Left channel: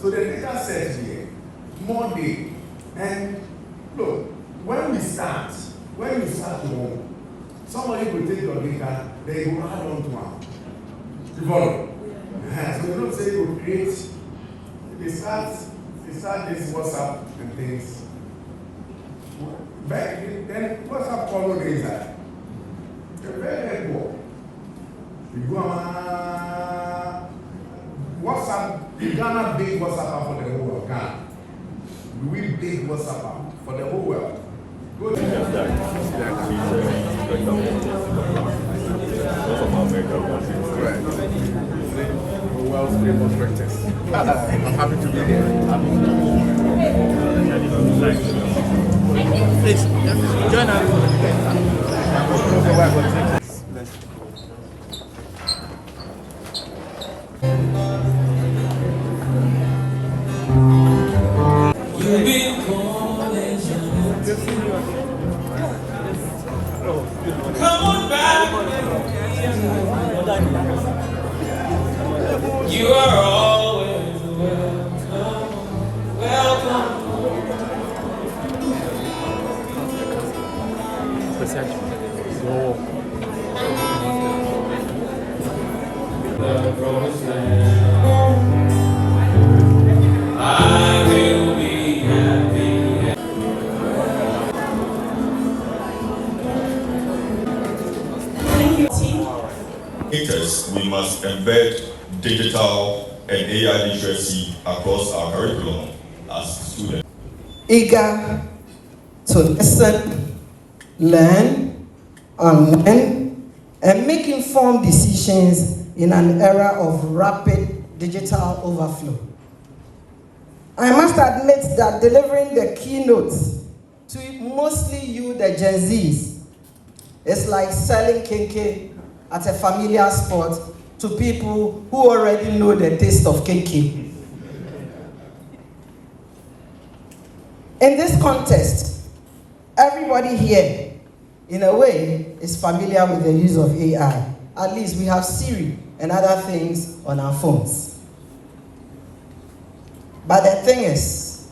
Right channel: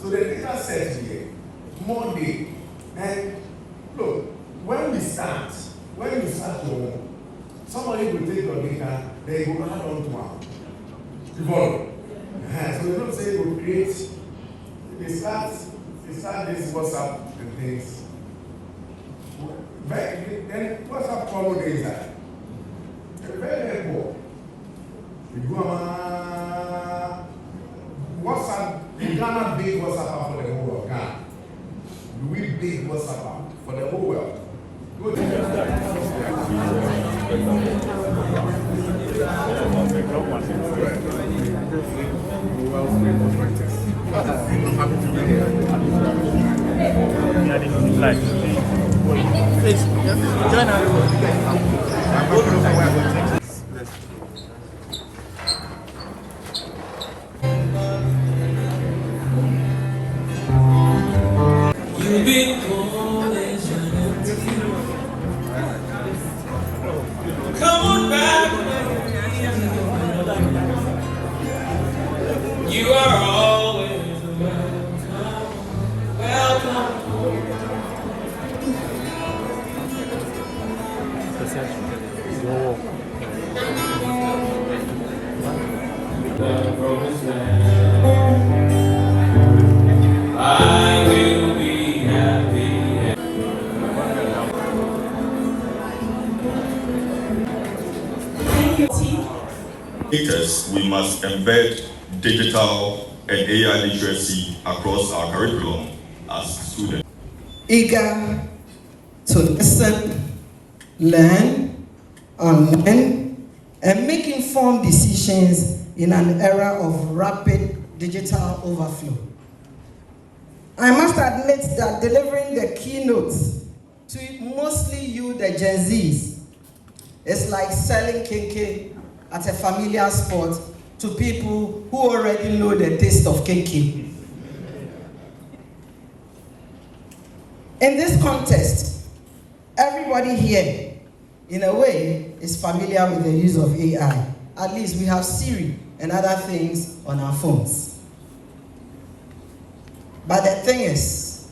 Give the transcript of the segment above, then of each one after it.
So the data set here, Monday, and look, when you start your work, somebody will take your data, they will add on to one. You follow? So you don't say you create, they start this WhatsApp and things. But then WhatsApp follow days that. They're very helpful. You go WhatsApp, the Ghana big WhatsApp for the whole world. Ghana. We big WhatsApp for the whole world. Good. Well, famous writers. I'm happy to be here. Please, join us. Come on back. You are always welcome. The promised land. I will be happy. We must embed digital and AI literacy across our curriculum as students. Eager to listen, learn, unlearn, and make informed decisions in an era of rapid digital overflow. I must admit that delivering the keynotes to mostly you, the Gen Zs, is like selling kinky at a familiar spot to people who already know the taste of kinky. In this context, everybody here, in a way, is familiar with the use of AI. At least we have Siri and other things on our phones. But the thing is,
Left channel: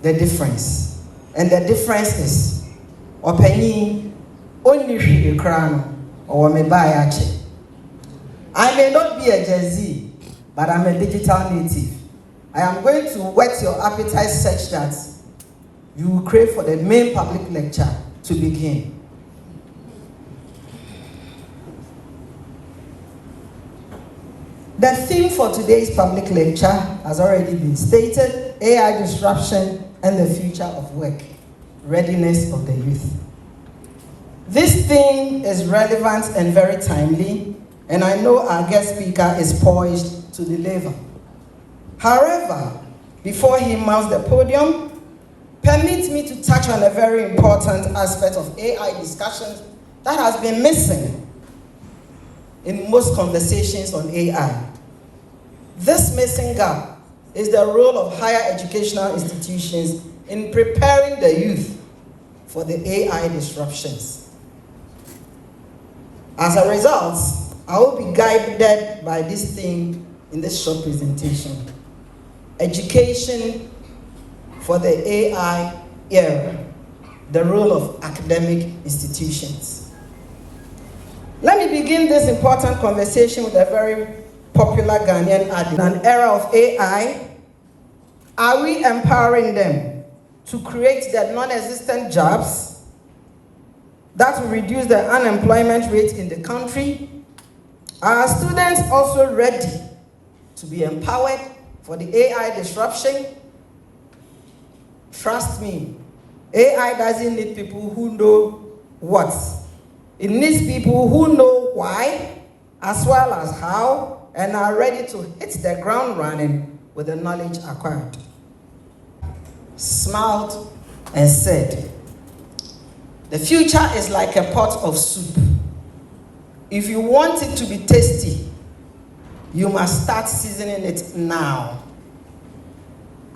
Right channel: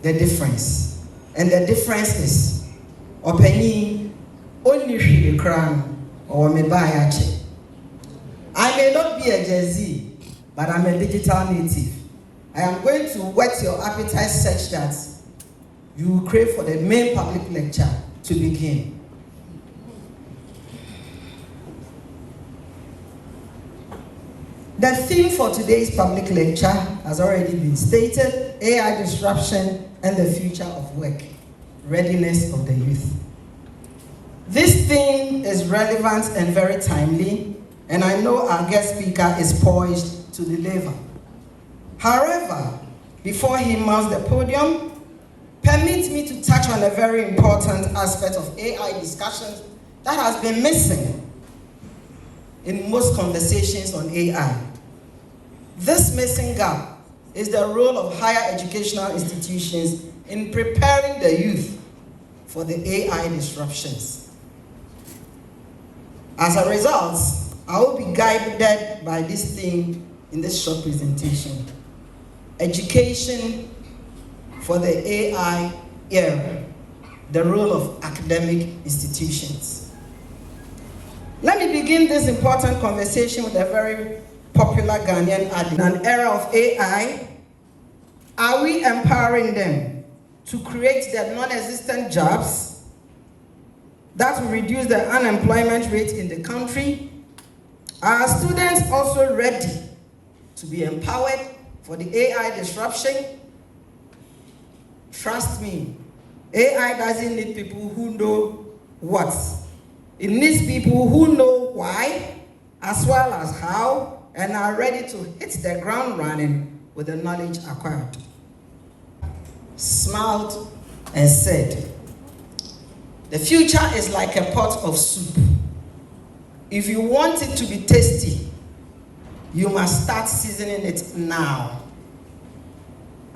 the difference. And the difference is, Openi only the crown or me buy actually. I may not be a Gen Z, but I'm a digital native. I am going to whet your appetite such that you will crave for the main public lecture to begin. The theme for today's public lecture has already been stated: AI disruption and the future of work, readiness of the youth. This theme is relevant and very timely, and I know our guest speaker is poised to deliver. However, before he mounts the podium, permit me to touch on a very important aspect of AI discussions that has been missing in most conversations on AI. This missing gap is the role of higher educational institutions in preparing the youth for the AI disruptions. As a result, I will be guided by this theme in this short presentation: education for the AI era, the role of academic institutions. Let me begin this important conversation with a very popular Ghanaian adage. In an era of AI, are we empowering them to create the non-existent jobs that will reduce the unemployment rate in the country? Are our students also ready to be empowered for the AI disruption? Trust me, AI doesn't need people who know what. It needs people who know why, as well as how, and are ready to hit the ground running with the knowledge acquired. Smiled and said, "The future is like a pot of soup. If you want it to be tasty, you must start seasoning it now."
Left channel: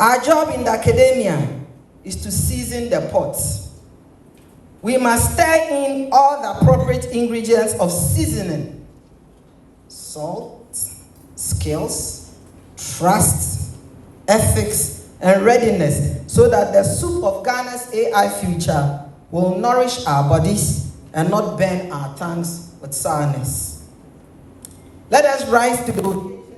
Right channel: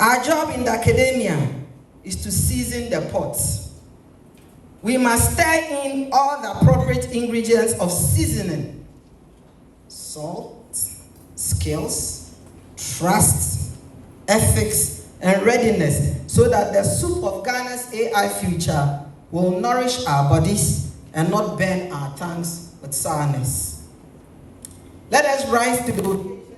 Our job in the academia is to season the pot. We must stir in all the appropriate ingredients of seasoning: salt, skills, trust, ethics, and readiness so that the soup of Ghana's AI future will nourish our bodies and not burn our tongues with sourness. Let us rise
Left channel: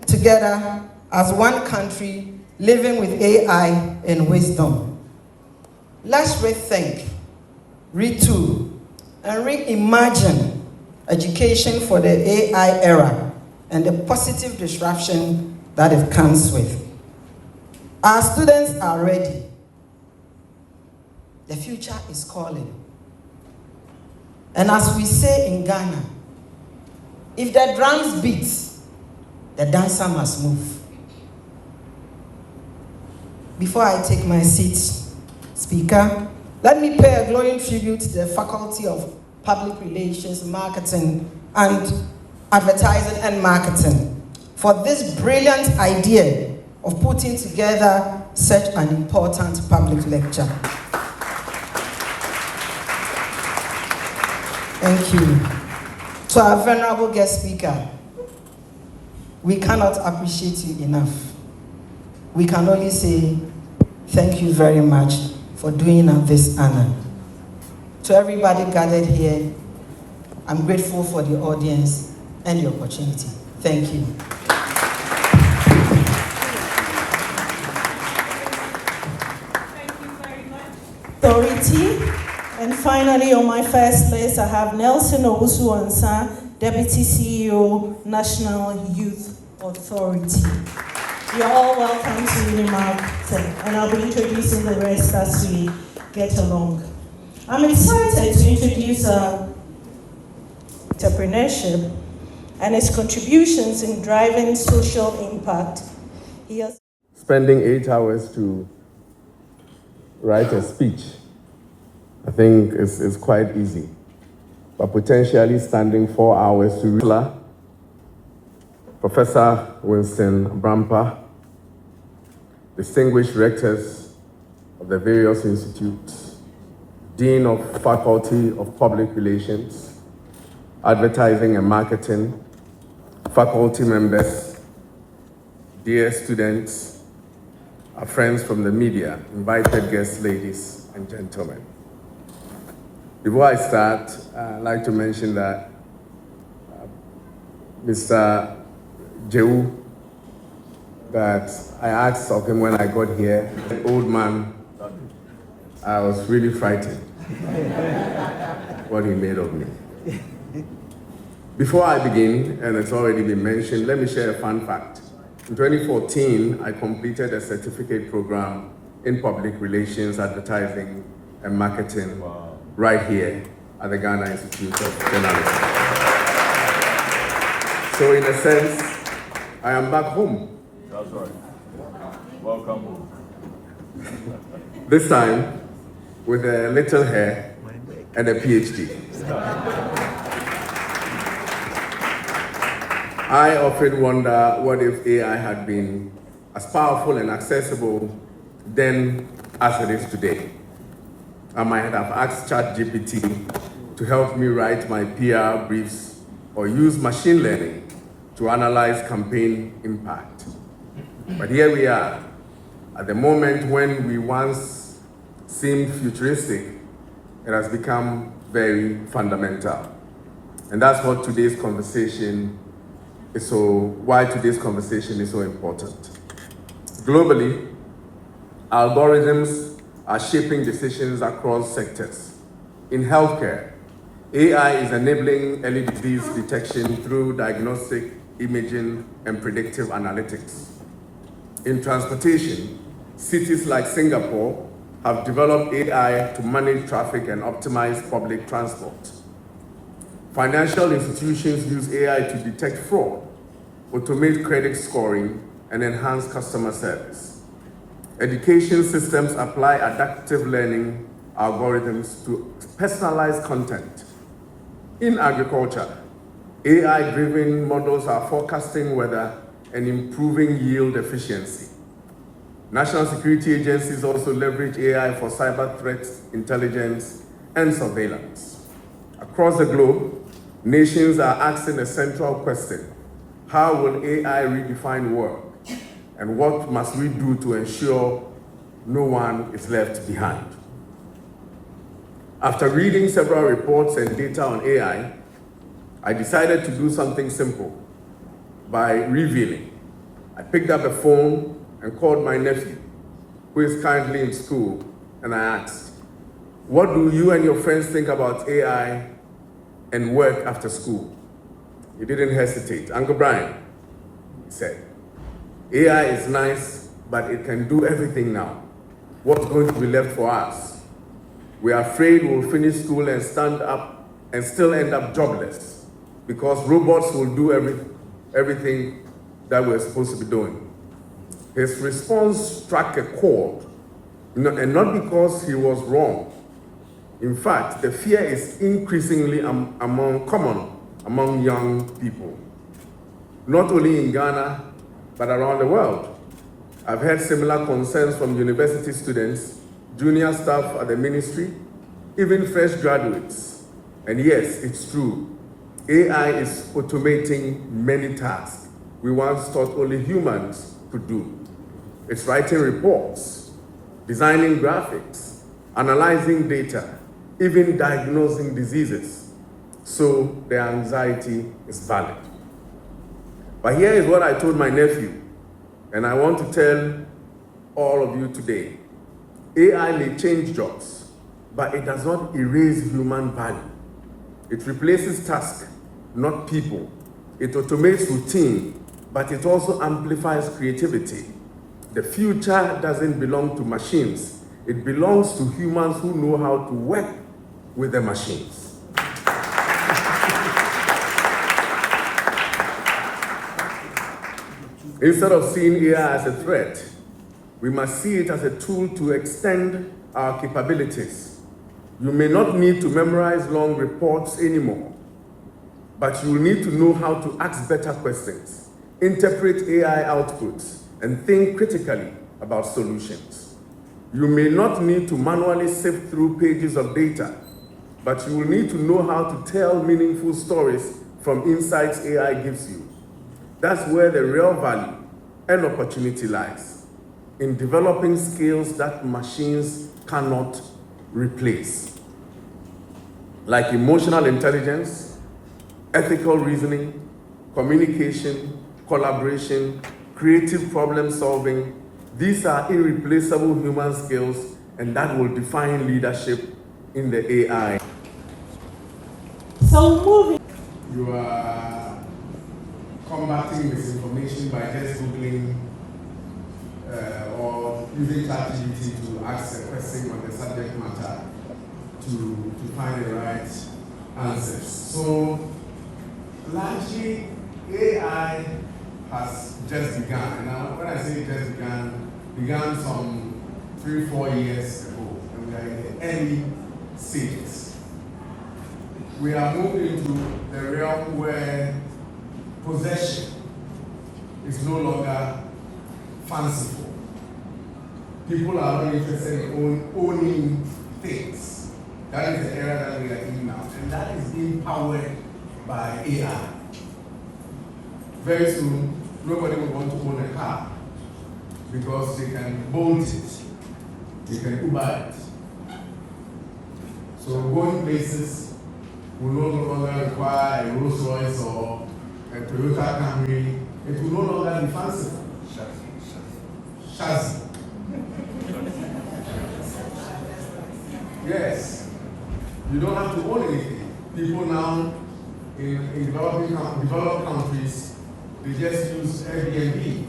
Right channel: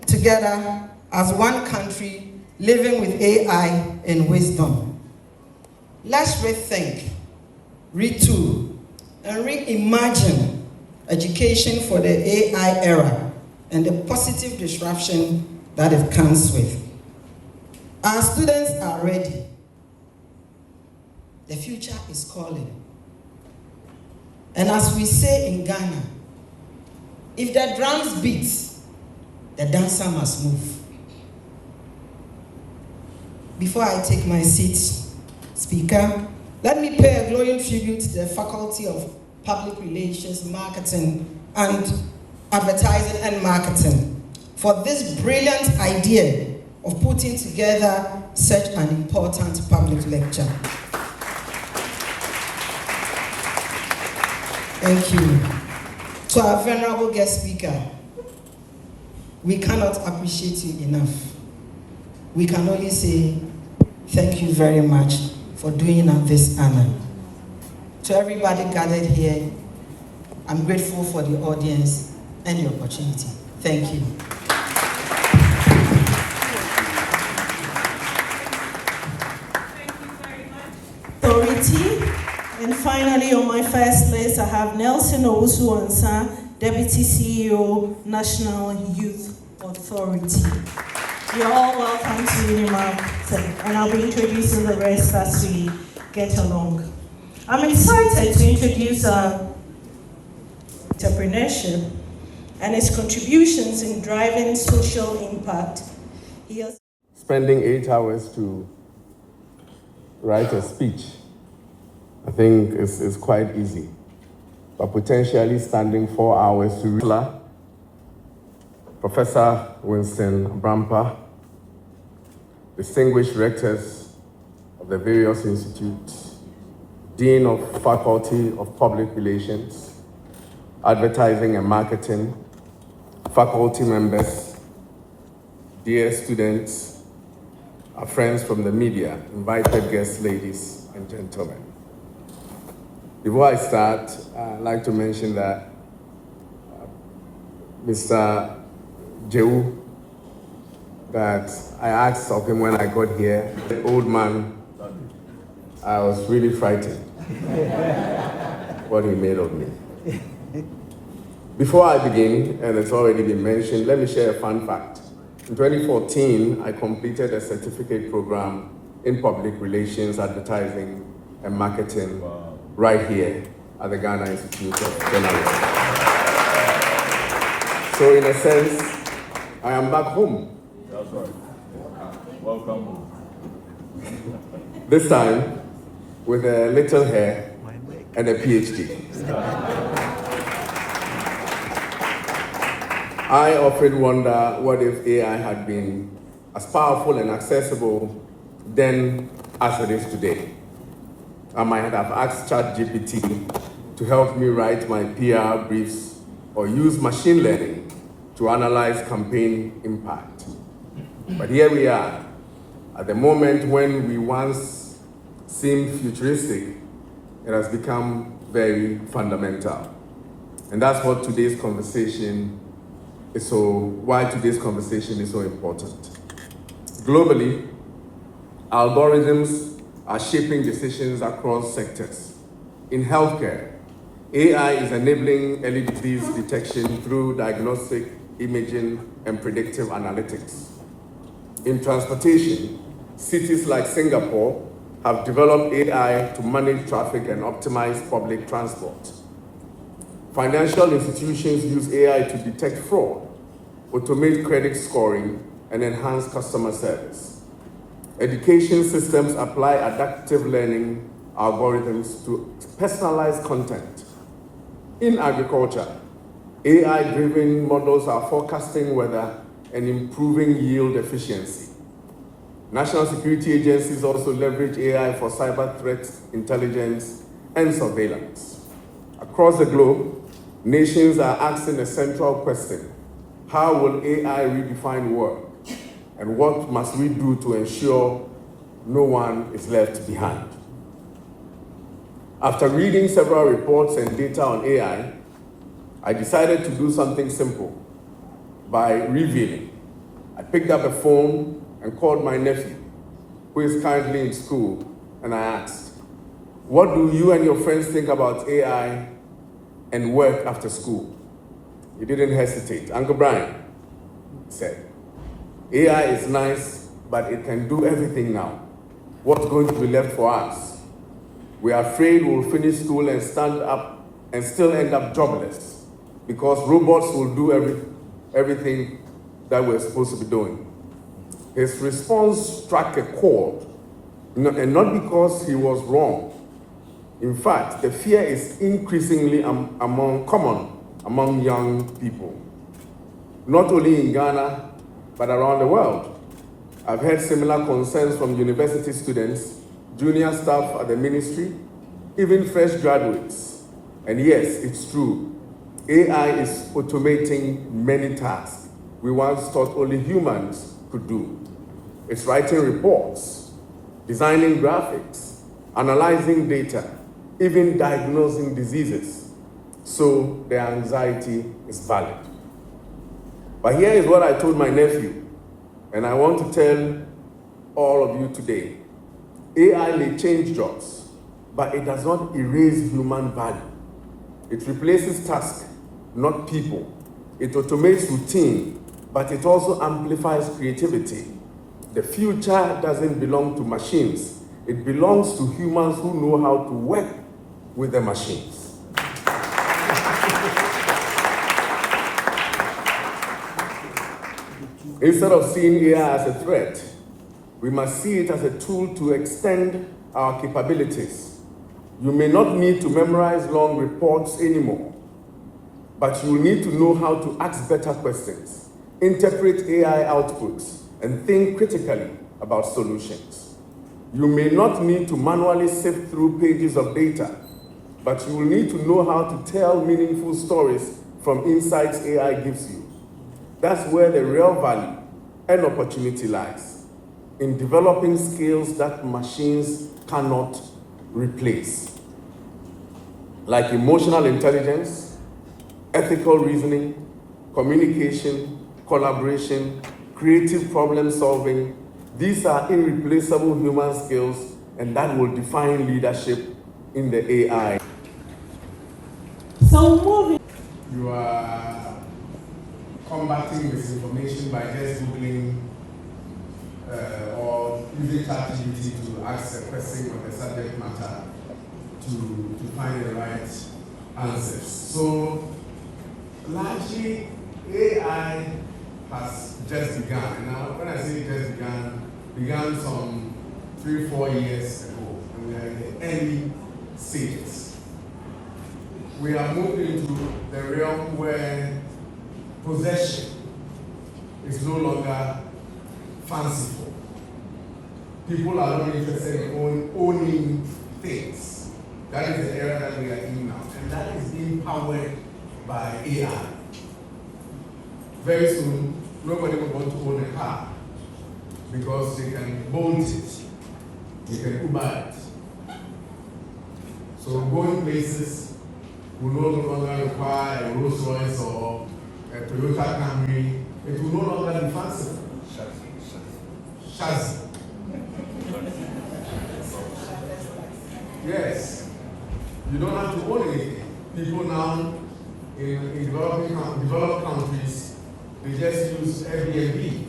together as one country living with AI in wisdom. Let's rethink, retool, and reimagine education for the AI era and the positive disruption that it comes with. Our students are ready. The future is calling. And as we say in Ghana, if the drums beat, the dancer must move. Before I take my seat, Speaker, let me pay a glowing tribute to the Faculty of Public Relations, Marketing, and Advertising and Marketing for this brilliant idea of putting together such an important public lecture. Thank you. To our venerable guest speaker, we cannot appreciate you enough. We can only say thank you very much for doing us this honor. To everybody gathered here, I'm grateful for the audience and the opportunity. Thank you. Authority. And finally, on my first list, I have Nelson Owusu-Ansah, Deputy CEO, National Youth Authority. You're all welcome to UniMAC, and I'll be introducing the rest as we get along. I'm excited to introduce entrepreneurship and its contributions in driving social impact. Spending 8 hours to write a speech, I think is quite easy. But potentially standing 4 hours to read. Professor Winston Brampa, distinguished rectors of the various institutes, Dean of Faculty of Public Relations, Advertising and Marketing, faculty members, dear students, our friends from the media, invited guests, ladies and gentlemen. Before I start, I'd like to mention that Mr. Jehu, that I asked of him when I got here, the old man, I was really frightened what he made of me. Before I begin, and it's already been mentioned, let me share a fun fact. In 2014, I completed a certificate program in public relations, advertising, and marketing right here at the Ghana Institute of Journalism. So in a sense, I am back home. That's right. Welcome home. This time, with a little hair and a PhD. I often wonder what if AI had been as powerful and accessible then as it is today. I might have asked ChatGPT to help me write my PR briefs or use machine learning to analyze campaign impact. But here we are, at the moment when we once seemed futuristic, it has become very fundamental. And that's what today's conversation is why today's conversation is so important. Globally, algorithms are shaping decisions across sectors. In healthcare, AI is enabling early disease detection through diagnostic, imaging, and predictive analytics. In transportation, cities like Singapore have developed AI to manage traffic and optimize public transport. Financial institutions use AI to detect fraud, automate credit scoring, and enhance customer service. Education systems apply adaptive learning algorithms to personalize content. In agriculture, AI-driven models are forecasting weather and improving yield efficiency. National security agencies also leverage AI for cyber threat intelligence and surveillance. Across the globe, nations are asking a central question: how will AI redefine work and what must we do to ensure no one is left behind? After reading several reports and data on AI, I decided to do something simple by revealing. I picked up a phone and called my nephew, who is currently in school, and I asked, what do you and your friends think about AI and work after school? He didn't hesitate. Uncle Brian, he said, AI is nice, but it can do everything now. What's going to be left for us? We are afraid we'll finish school and stand up and still end up jobless because robots will do everything that we're supposed to be doing. His response struck a chord, and not because he was wrong. In fact, the fear is increasingly common among young people, not only in Ghana, but around the world. I've heard similar concerns from university students, junior staff at the ministry, even fresh graduates. And yes, it's true. AI is automating many tasks we once thought only humans could do. It's writing reports, designing graphics, analyzing data, even diagnosing diseases. So the anxiety is valid. But here is what I told my nephew, and I want to tell all of you today. AI may change jobs, but it does not erase human value. It replaces tasks, not people. It automates routine, but it also amplifies creativity. The future doesn't belong to machines. It belongs to humans who know how to work with the machines. Instead of seeing AI as a threat, we must see it as a tool to extend our capabilities. You may not need to memorize long reports anymore, but you will need to know how to ask better questions, interpret AI outputs, and think critically about solutions. You may not need to manually sift through pages of data, but you will need to know how to tell meaningful stories from insights AI gives you. That's where the real value and opportunity lies, in developing skills that machines cannot replace, like emotional intelligence, ethical reasoning, communication, collaboration, creative problem solving. These are irreplaceable human skills, and that will define leadership in the AI. So moving. You are combating misinformation by just Googling or using ChatGPT to ask a question on the subject matter to find the right answers. So largely, AI has just begun. Now, when I say just began some 3-4 years ago, and we are in the early stages. We are moving into the realm where possession is no longer fanciful. People are not interested in owning things. That is the era that we are in now, and that is being powered by AI. Very soon, nobody will want to own a car because they can bolt it, they can Uber it. So going places will no longer require a Rolls Royce or a Toyota Camry. It will no longer be fanciful. Chassis. Yes. You don't have to own anything. People now in developed countries, they just use Airbnb.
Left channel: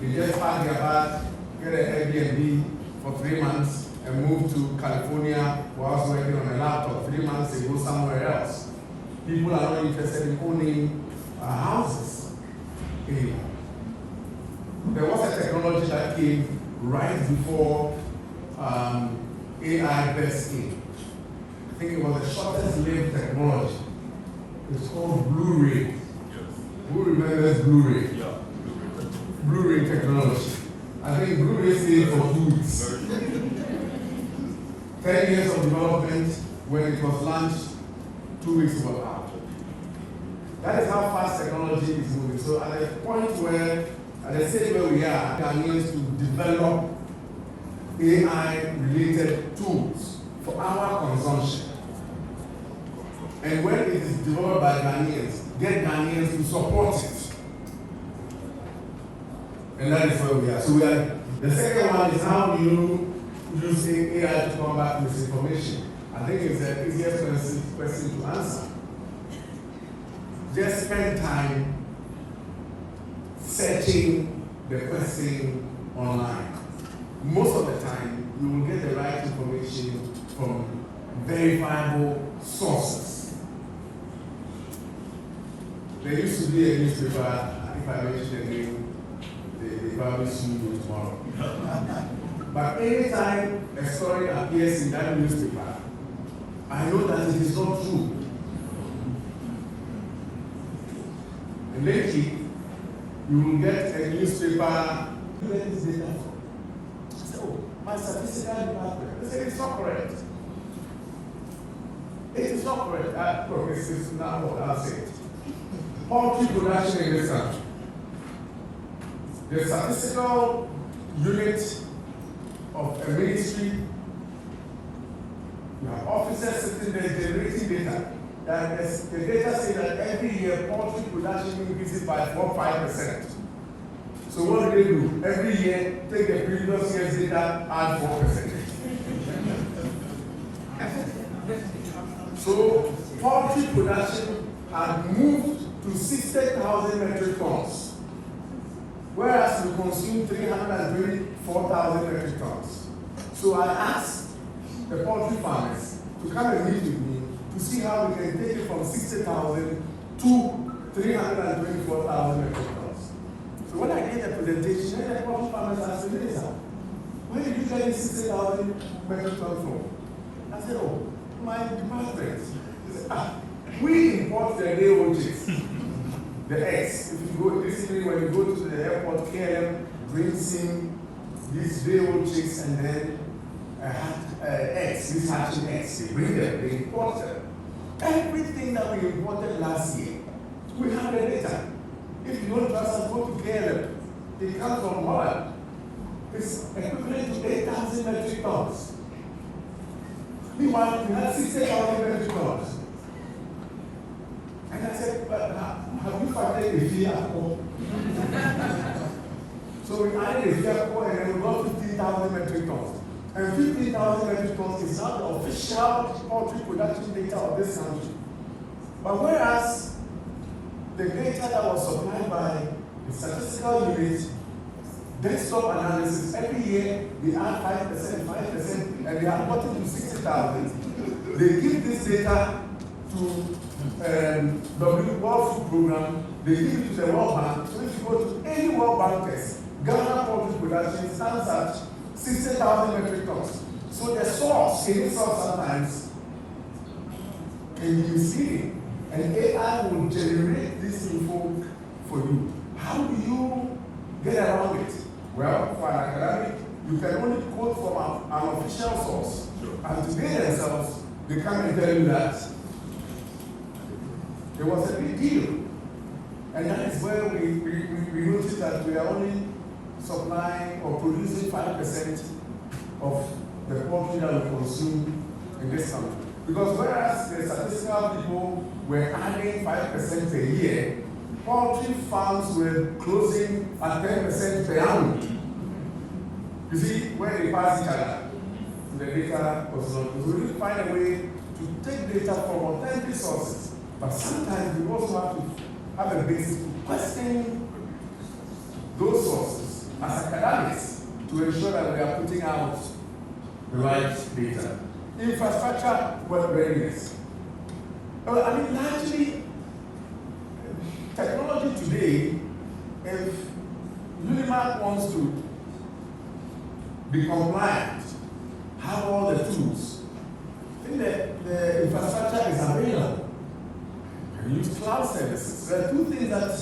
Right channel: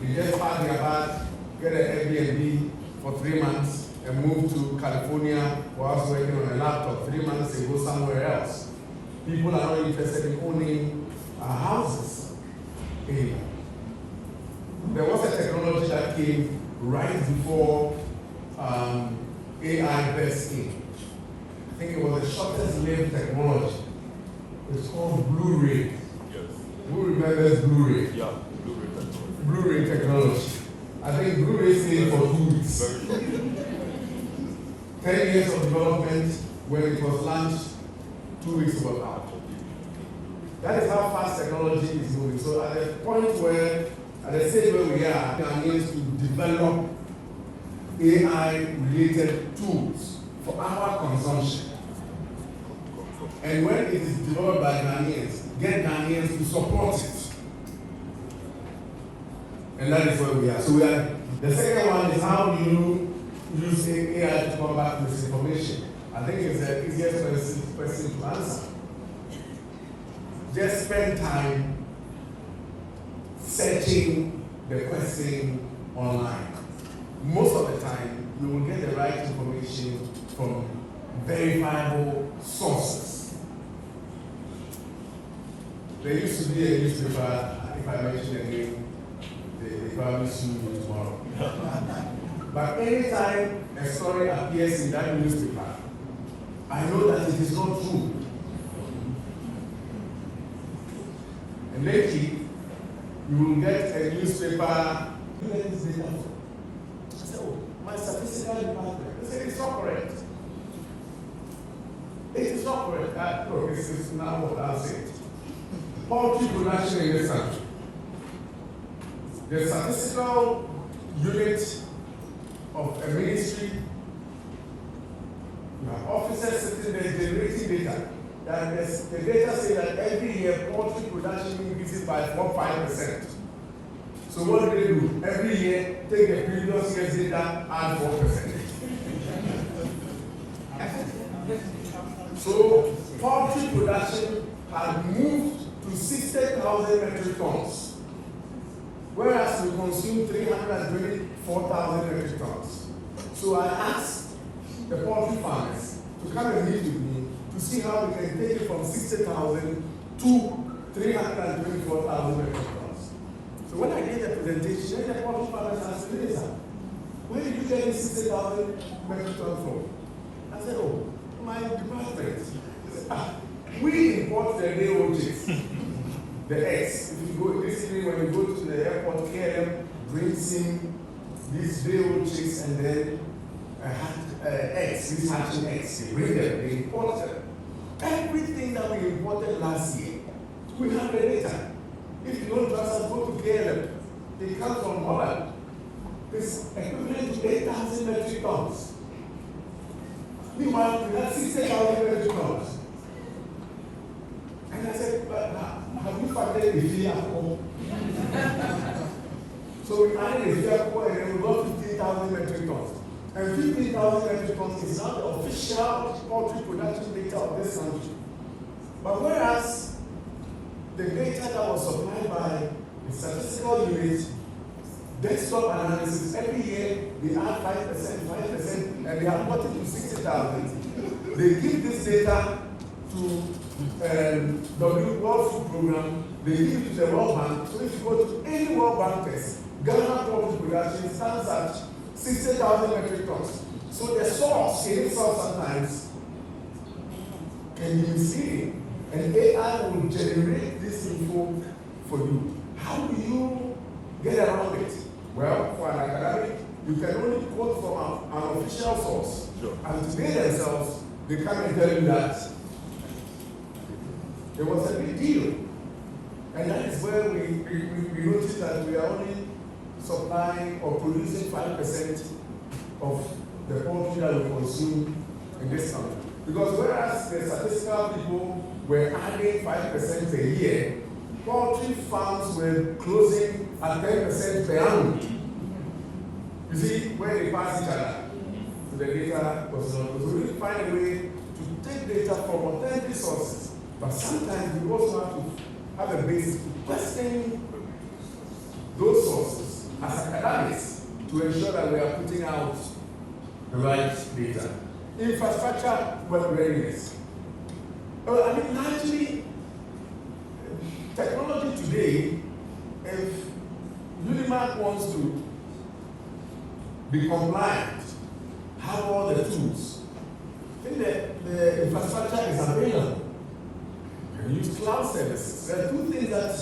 They just pack their bag, get an Airbnb for 3 months, and move to California whilst working on a laptop. 3 months, they go somewhere else. People are not interested in owning houses anymore. There was a technology that came right before AI burst in. I think it was the shortest lived technology. It's called Blu-ray. Who remembers Blu-ray? Yeah. Blu-ray technology. I think Blu-ray stayed for 2 weeks. 10 years of development. When it was launched, 2 weeks was out. That is how fast technology is moving. So at the point where at the stage where we are, Ghanaians to develop AI-related tools for our consumption. And when it is developed by Ghanaians, get Ghanaians to support it. And that is where we are. So we are. The second one is how do you use AI to combat misinformation? I think it's the easiest question to answer. Just spend time searching the question online. Most of the time, you will get the right information from verifiable sources. There used to be a newspaper, if I mention the name, they probably sue me tomorrow. But anytime a story appears in that newspaper, I know that it is not true. And lately, you will get a newspaper, where is this data from? I say, oh, my statistical department. They say it's not correct. It is not correct. It's now what I'll say. Poultry production in this country. The statistical unit of a ministry, you have officers sitting there generating data. The data say that every year poultry production increases by 4-5%. So what do? Every year, take the previous year's data, add 4%. So poultry production had moved to 60,000 metric tons, whereas we consume 324,000 metric tons. So I asked the poultry farmers to come and meet with me to see how we can take it from 60,000 to 324,000 metric tons. So when I did the presentation, the poultry farmers asked me, where did you get this 60,000 metric tons from? I said, oh, my department. He said, we import the day-old chicks, the eggs. If you go, basically when you go to the airport, KLM brings in these day-old chicks and then eggs, these hatching eggs. They bring them, they import them. Everything that we imported last year, we have the data. If you don't trust us, go to KLM. It comes from Holland. It's equivalent to 8,000 metric tons. Meanwhile, we have 60,000 metric tons. And I said, but have you factored the fee at all? So we added the fee at all and then we got 15,000 metric tons. And 15,000 metric tons is not the official poultry production data of this country. But whereas the data that was supplied by the statistical unit, desktop analysis, every year they add 5%, and they have got it to 60,000. They give this data to World Food Program, they give it to the World Bank. So if you go to any World Bank test, Ghana poultry production stands at 60,000 metric tons. So the source in itself sometimes can be misleading, and AI will generate this info for you. How do you get around it? Well, for an academic, you can only quote from an official source. And today themselves, they come and tell you that there was a big deal. And that is where we noticed that we are only supplying or producing 5% of the poultry that we consume in this country. Because whereas the statistical people were adding 5% a year, poultry farms were closing at 10% per annum. You see, where they pass each other, the data was not. So we need to find a way to take data from authentic sources, but sometimes we also have to have a basis to question those sources as academics to ensure that we are putting out the right data. Infrastructure, well, readiness. Largely, technology today, if UniMAC wants to be compliant, have all the tools, I think that the infrastructure is available. You can use cloud services. There are two things that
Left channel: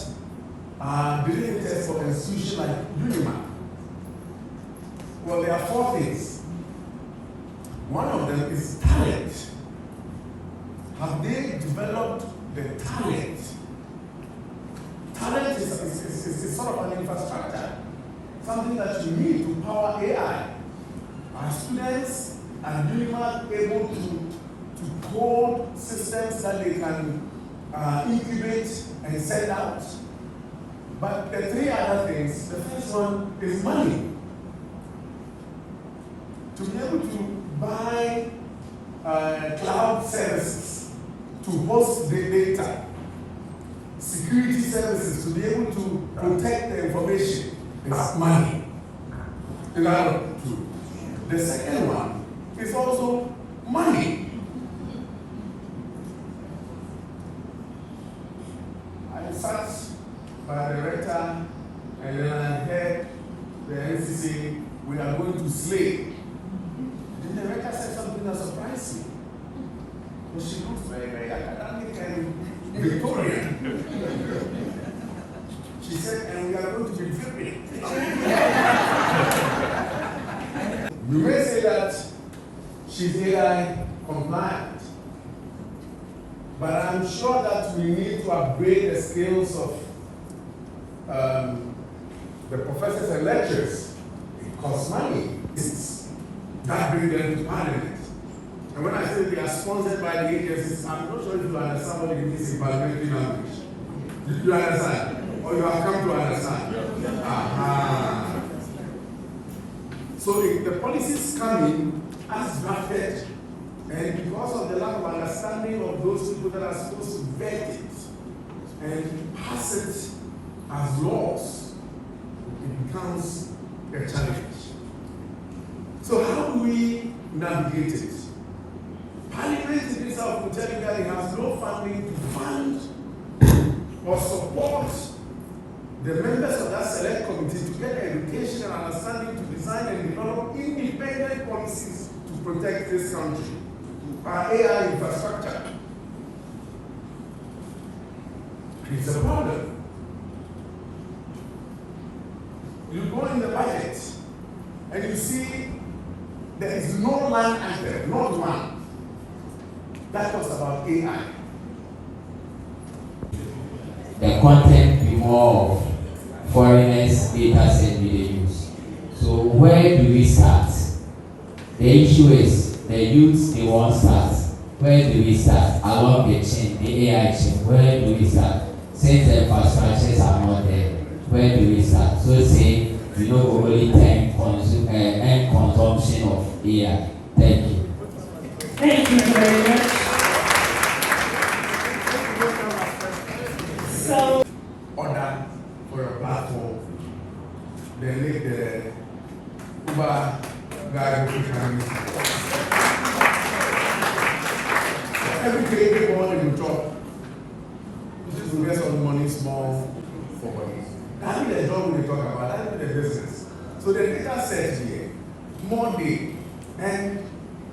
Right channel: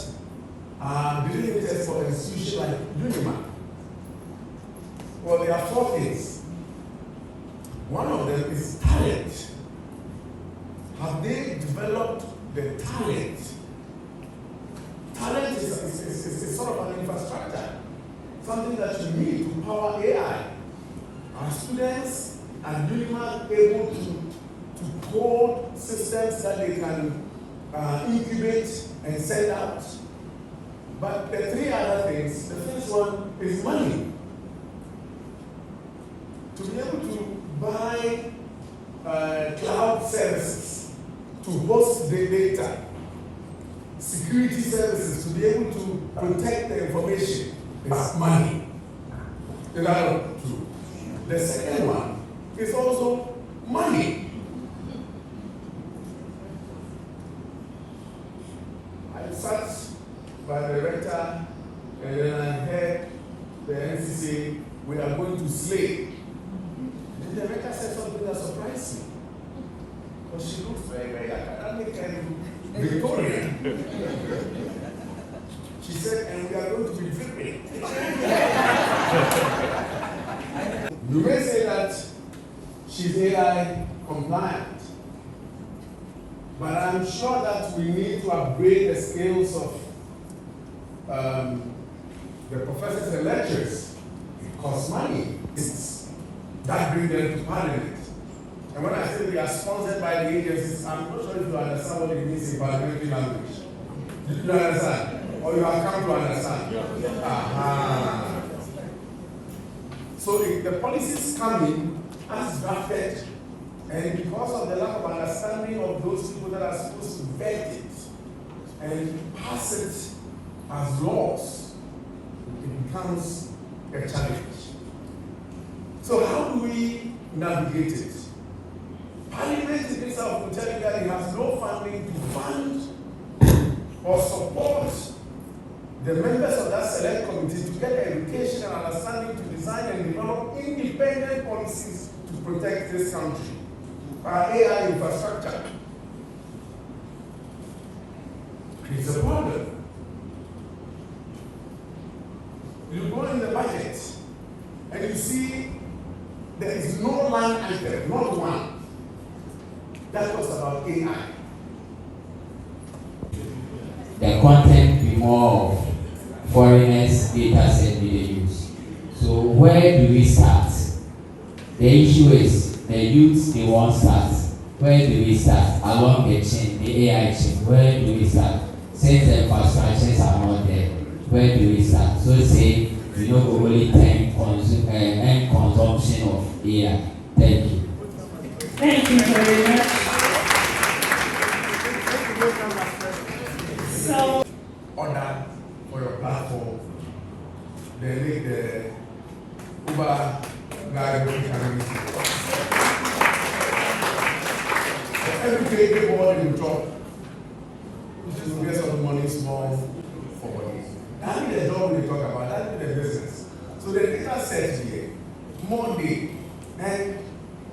are delimited for an institution like UniMAC. Well, there are four things. One of them is talent. Have they developed the talent? Talent is sort of an infrastructure. something that you need to power AI. Are students and UniMAC able to code systems that they can incubate and send out? But the three other things, the first one is money. To be able to buy cloud services, to host the data, security services, to be able to protect the information, is money. Is that true? The second one is also money. I sat by the rector and then I heard the NCC, we are going to slay. And the rector said something that surprised me. Because she looks very, very academic and Victorian. She said, and we are going to be dripping. You may say that she's AI compliant, but I'm sure that we need to upgrade the skills of the professors and lecturers. It costs money. That brings them to Parliament. And when I say we are sponsored by the agencies, I'm not sure if you understand what it means in parliamentary language. Did you understand? Or you have come to understand? Aha. So if the policies come in as drafted, and because of the lack of understanding of those people that are supposed to vet it and pass it as laws, it becomes a challenge. So how do we navigate it? Parliament in itself will tell you that it has no funding to fund or support the members of that select committee to get the education and understanding to design and develop independent policies to protect this country, our AI infrastructure. It's a problem. You go in the budget and you see there is no line item, not one, that talks about AI. The content be more of foreigners, data set media use. So where do we start? The issue is the youth, they won't start. Where do we start? Along the chain, the AI chain, where do we start? Since the infrastructures are not there, where do we start? So say, we know only 10 end consumption of AI. Thank you. Thank you very much. So, Order for your platform, then make the Uber guy who every day everybody will drop. Which is to get some money small for bodies. That is the job we talk about, that is the business. So the data set here, Monday, and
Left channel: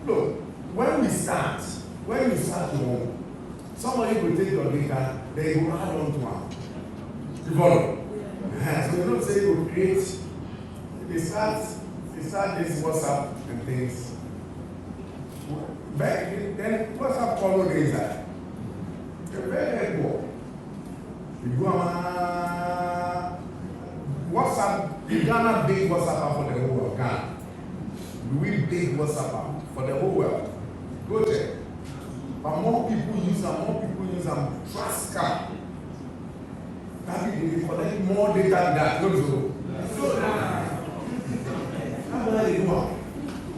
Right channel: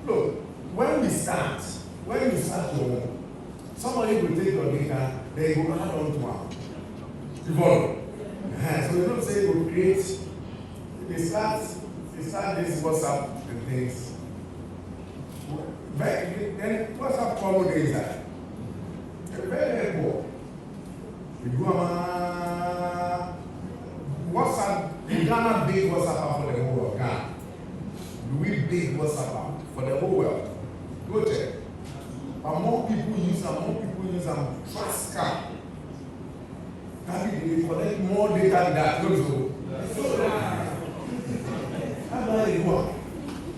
look, when you start your work, somebody will take your data, they will add on to one. You follow? So you don't say you create, they start this WhatsApp and things. Then WhatsApp follow the inside. They're very helpful. You go on WhatsApp, the Ghana big WhatsApp for the whole world. Ghana. We big WhatsApp for the whole world. Go check. But more people use them, trust card. That means they collect more data than that.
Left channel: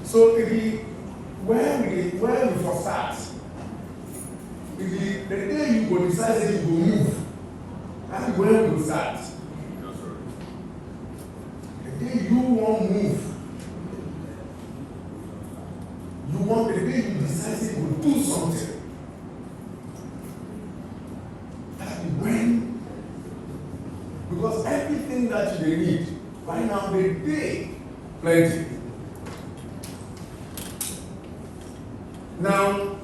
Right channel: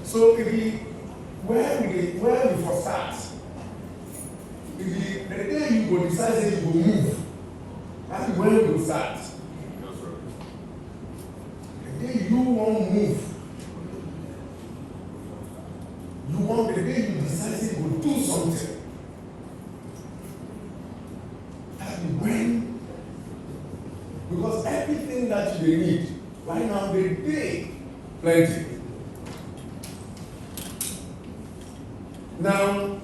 So if we, where we first start, if the day you go decide that you go move, that's where we will start. The day you won't move, the day you decide that you will do something, that's when, because everything that you need, right now they pay plenty. Now,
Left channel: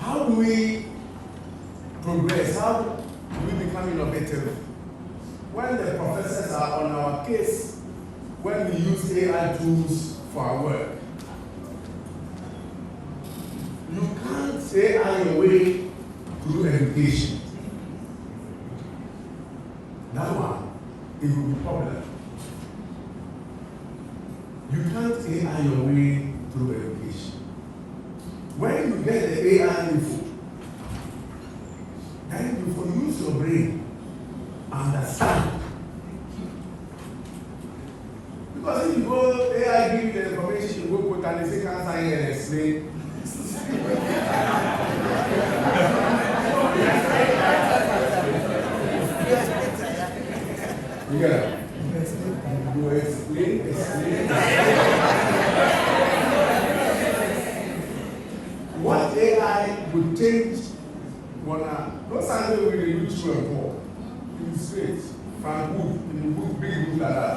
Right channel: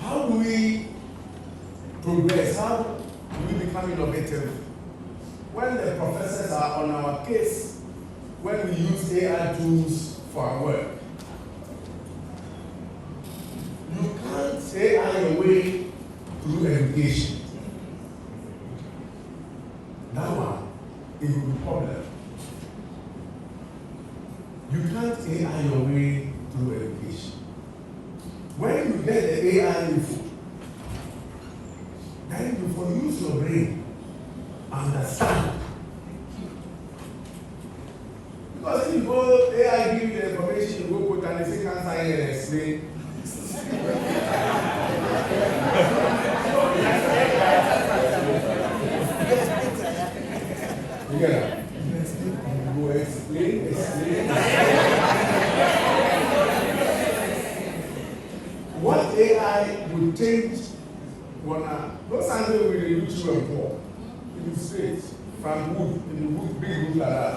how do we progress? How do we become innovative? When the professors are on our case, when we use AI tools for our work, you can't AI your way to do education. That one, it will be a problem. You can't AI your way through education. When you get the AI info, then you can use your brain, understand. Because if you go AI give you the information, you go put and say cancer here and explain. You get it? You explain. What AI would change those answers will be YouTube and Paul. Illustrate from wood, in the wood, big wood like that,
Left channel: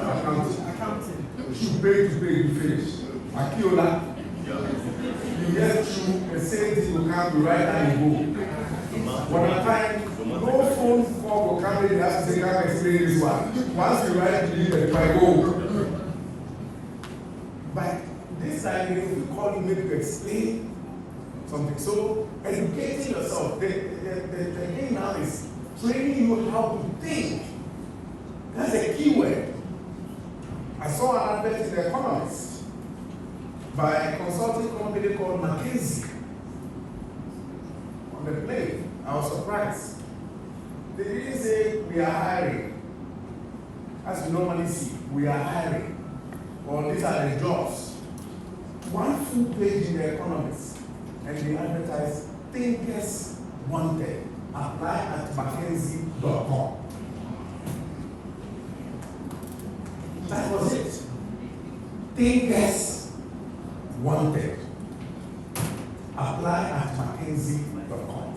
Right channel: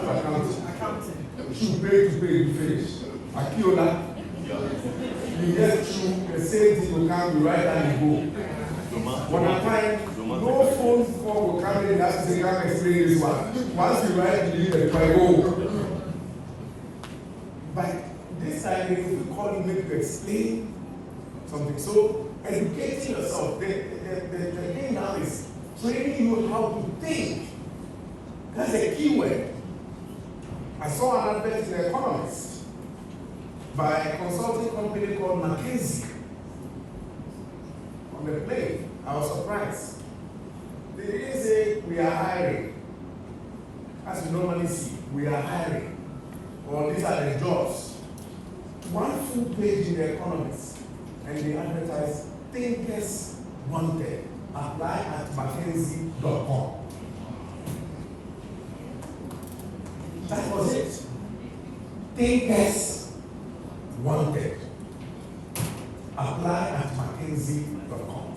accounting. You pay to pay, you finish. Akiola, you get through the same thing will come to right and you go. One at a time, no phone call will come in and say, come explain this one. Once you write, you leave the go. But this time, if you call you, maybe to explain something. So, educating yourself, the thing now is training you how to think. That's a key word. I saw an advert in The Economist by a consulting company called McKinsey on the plane. I was surprised. They didn't say we are hiring. As you normally see, we are hiring. Or these are the jobs. One full page in The Economist, and they advertise thinkers wanted. Apply at mckinsey.com. That was it. Thinkers wanted. Apply at mckinsey.com.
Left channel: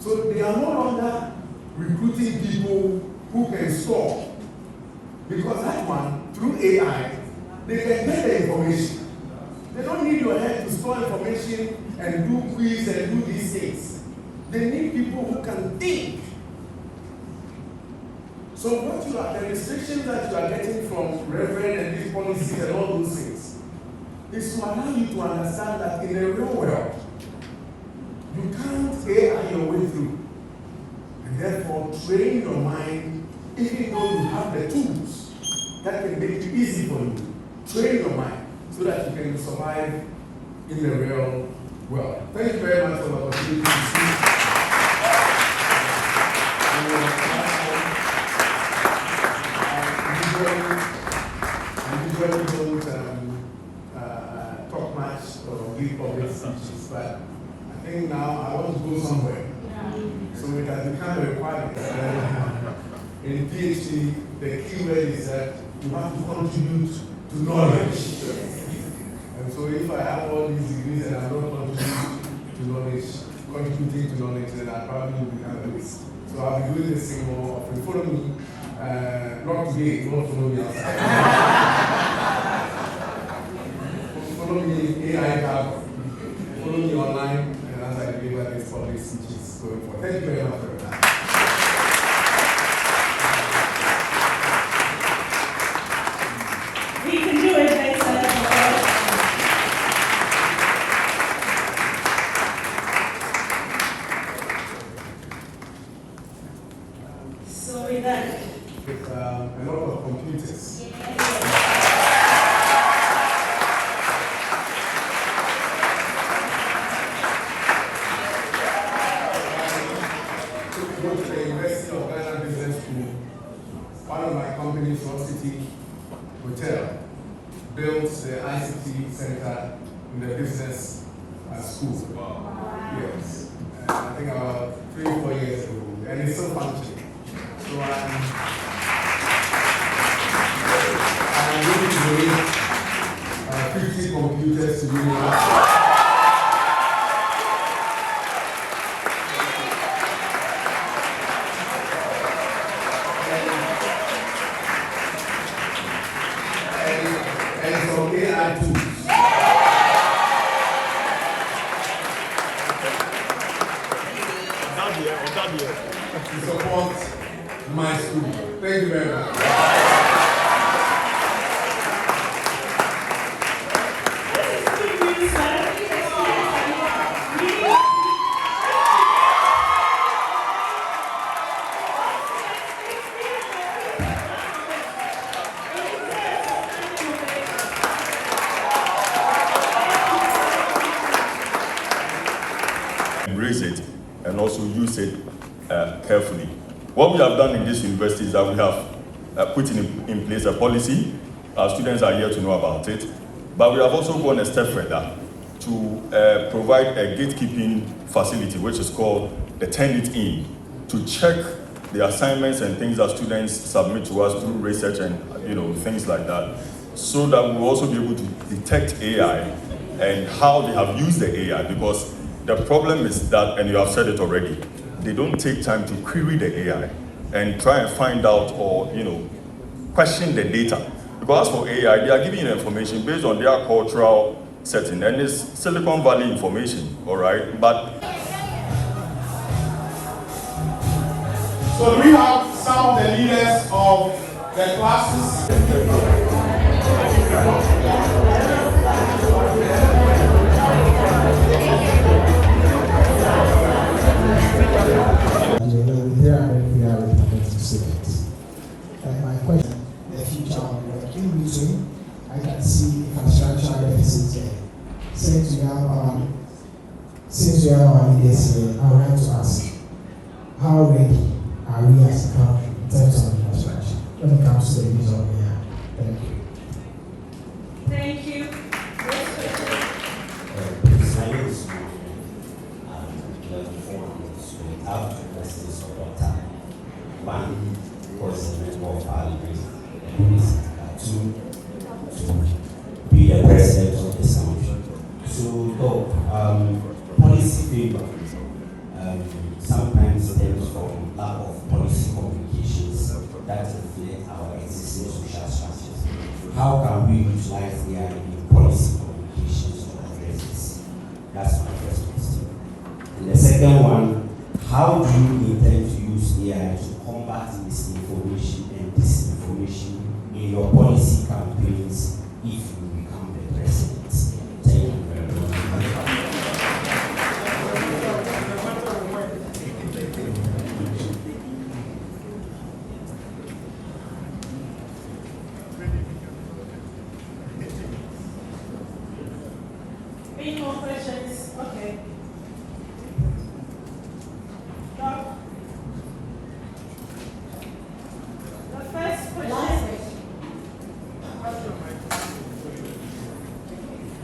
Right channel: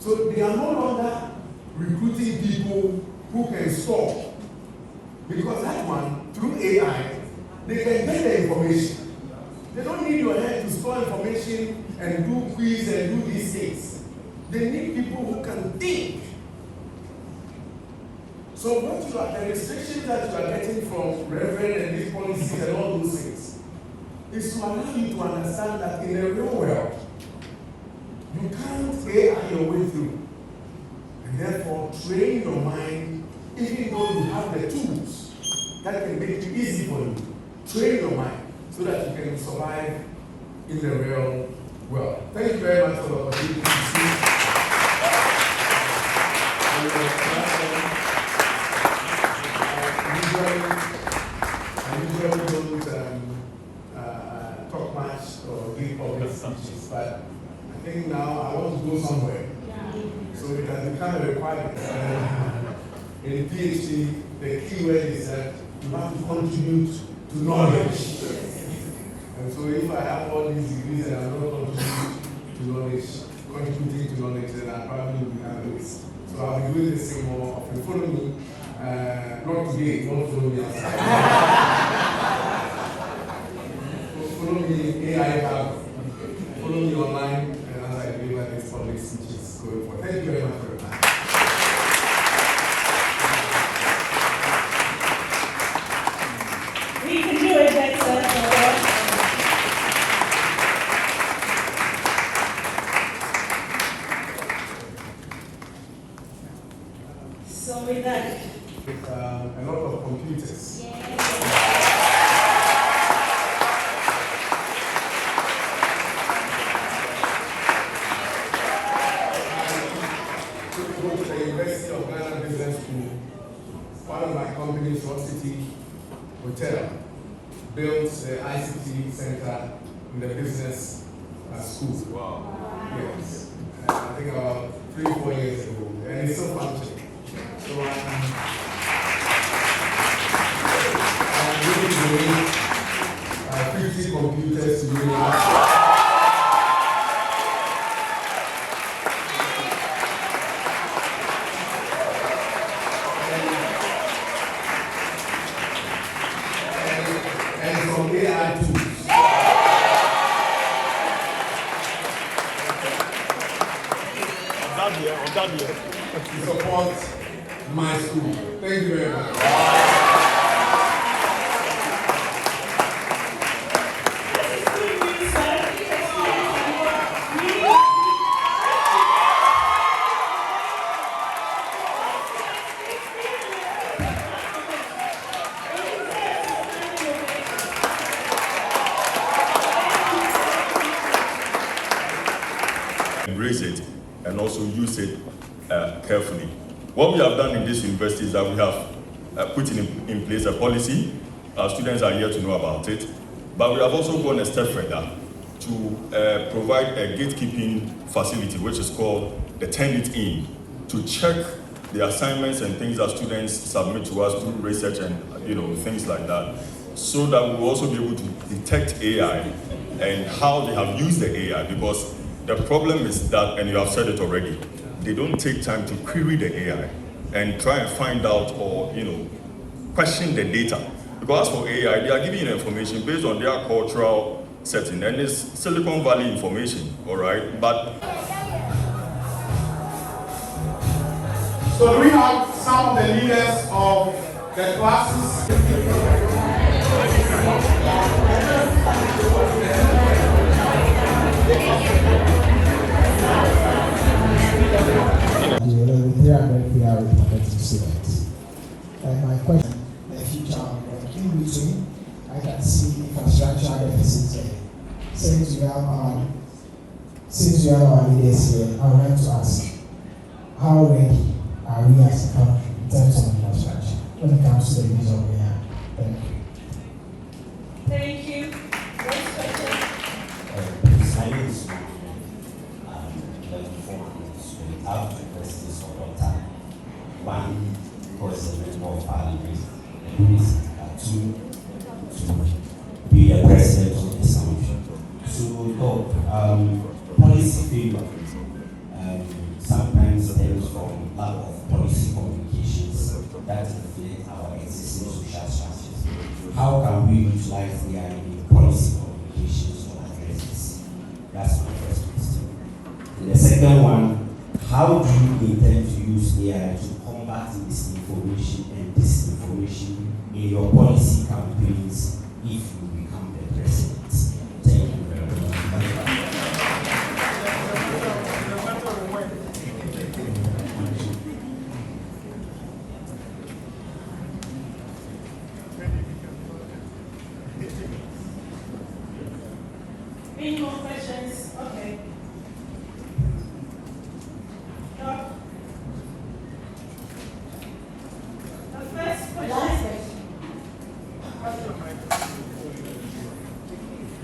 So they are no longer recruiting people who can store. Because that one, through AI, they can get the information. They don't need your head to store information and do quiz and do these things. They need people who can think. So what you are, the restrictions that you are getting from Reverend and these policies and all those things, is to allow you to understand that in the real world, you can't AI your way through. And therefore, train your mind, even though you have the tools that can make it easy for you. Train your mind so that you can survive in the real world. Thank you very much for the opportunity to speak. I usually don't talk much or give public speeches, but I think now I want to go somewhere. So it has become a requirement. In PhD, the key word is that you have to contribute to knowledge. And so if I have all these degrees and I'm not contributing to knowledge, then I probably will become this. So I'll be doing this thing more often. Follow me. Not today, don't follow me outside. Follow me AI Hub. Follow me online as I deliver these public speeches going forward. Thank you very much for your time. We can do it next time. So with that, With a lot of computers. Go to the University of Ghana Business School. One of my companies, Rock City Hotel, built the ICT center in the business school. Wow. Yes. I think about 3 or 4 years ago. And it's still functioning. So I'm willing to donate 50 computers to UniMAC. And some AI tools. To support my school. Thank you very much. also use it carefully. What we have done in this university is that we have put in place a policy. Our students are here to know about it. But we have also gone a step further to provide a gatekeeping facility, which is called the Turn-It-In, to check the assignments and things that students submit to us through research and things like that, so that we will also be able to detect AI and how they have used the AI. Because the problem is that, and you have said it already, they don't take time to query the AI and try and find out or question the data. Because as for AI, they are giving you information based on their cultural setting, and it's Silicon Valley information, all right? But So do we have some of the leaders of the classes? My question, the future of work. In between, I can see infrastructure deficits there. Since we have our leaders here, I would like to ask, how ready are we as a country in terms of infrastructure when it comes to the use of AI? Thank you. Thank you. Next question. My name is I have two questions for Dr. One was the member of Parliament, and two, to be the president of the country. So, policy failure sometimes stems from lack of policy communications that reflect our existing social structures. How can we utilize AI in policy communications to address this? That's my first question. And the second one, how do you intend to use AI to combat misinformation and disinformation in your policy campaigns if you become the president? Thank you very much. Any more questions? Okay. The first question.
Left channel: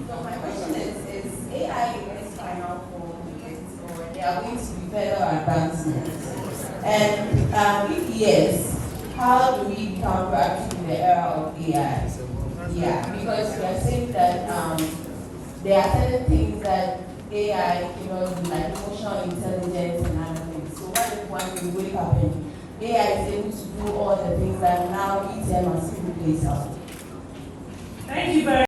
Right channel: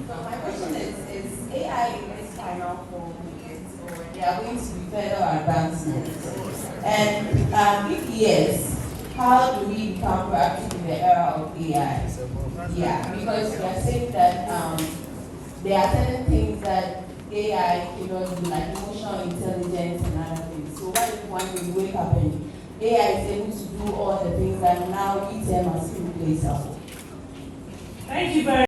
So my question is AI in its final form yet, or there are going to be further advancements? And if yes, how do we become proactive in the era of AI? Yeah, because we are saying that there are certain things that AI cannot do, like emotional intelligence and other things. So what if one day we wake up and AI is able to do all the things that now ETM has replaced us? Thank you very much.